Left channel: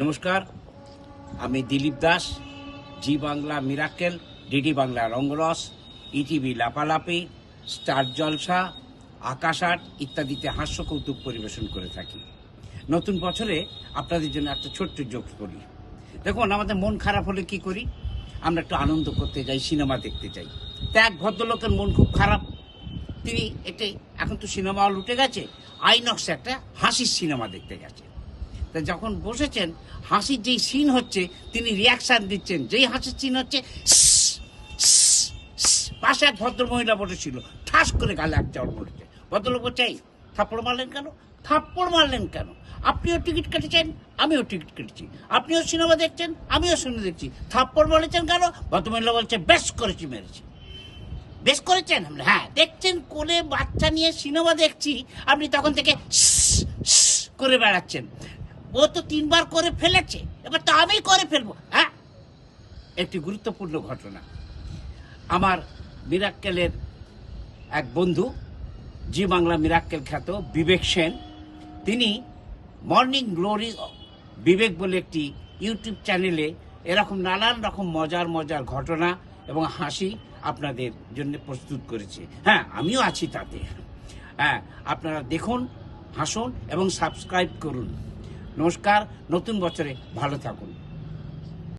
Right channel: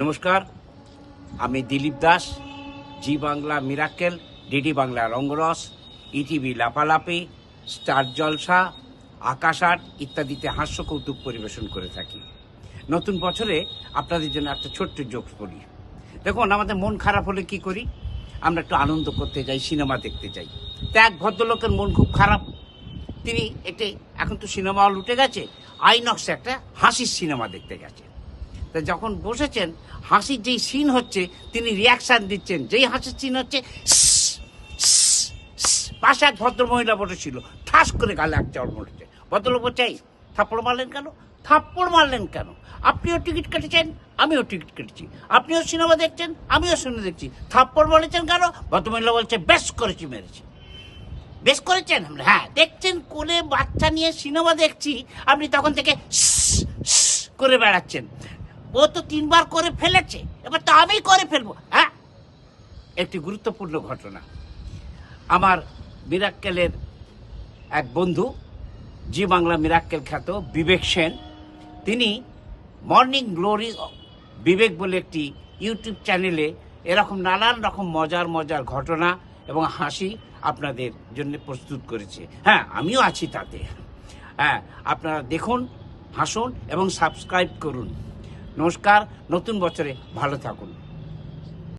নমস্কার, আমি Dilip Das. Zee Bangla Mirakkel, DD Bangla Rangaras, ETV Lapalapi, Star Jalsha, Aakash Aath ইত্যাদিতে হাস্য কৌতুক পরিবেশন করে থাকি। নতুন বছরে আপনাদের জন্য একটা ছোট্ট জোকস বলি। দেখুন, আমাদের মন খারাপ হলে কি করি? আমরা একটু আনন্দ করতে যাই, সিনেমা দেখতে যাই। তা এক ভদ্রলোকের মন খুব খারাপ। তিনি এখন তো সিনেমা হল উঠে গেছে, আইনক্সে একটা হাসির সিনেমা দেখতে গেছে। তা যখন বসেছেন, হাসির যেই সিন হচ্ছে তিনি রিয়াকশন দিচ্ছেন। যেই হাসির সিন হচ্ছে, পাশে এক ভদ্র মহিলা বসেছিল, ঠাস করে গালে এক চড় মরেছে। ভদ্রলোক বলছে, থাপ্পড় মারলেন কেন? থাপ্পড় মারলেন কেন? আপনিও টিকিট কেটেছেন, আমিও টিকিট কেটেছি। আপনিও সিনেমা দেখছেন, আমিও সিনেমা দেখছি। থাপ্পড় মারেছেন কেন? ভদ্রমহিলা বলছে, বেশ করেছি, মেরেছি। বেশ করেছেন? হ্যাঁ। দেখছেন কোলে বাচ্চা নিয়ে সিনেমা দেখছি, আপনি তখন থেকে করে বেড়াচ্ছেন। ও তো 3 বার করে ফেলেছে, এবার তো আমি করে ফেলবো। হ্যাঁ, একটি গুরুত্বপূর্ণ ঘটনা। আমার মিরাক্কেলের এক বন্ধু, জি বাংলা মিরাক্কেল খ্যাত বিবেক সেন, তিনি মর্নিং গ্লোরি বিবেক বলে একটি ইউটিউব চ্যানেলে এরকম নানান রকম মজার ঘটনা এবং হাসি আপনাদের জন্য প্রস্তুত করেছে। হ্যাঁ, আমিও আছি তাতে। হ্যাঁ, আপনারা দেখুন, হাসুন এবং সাবস্ক্রাইব করুন। নমস্কার, নতুন বছরে ভালো থাকুন।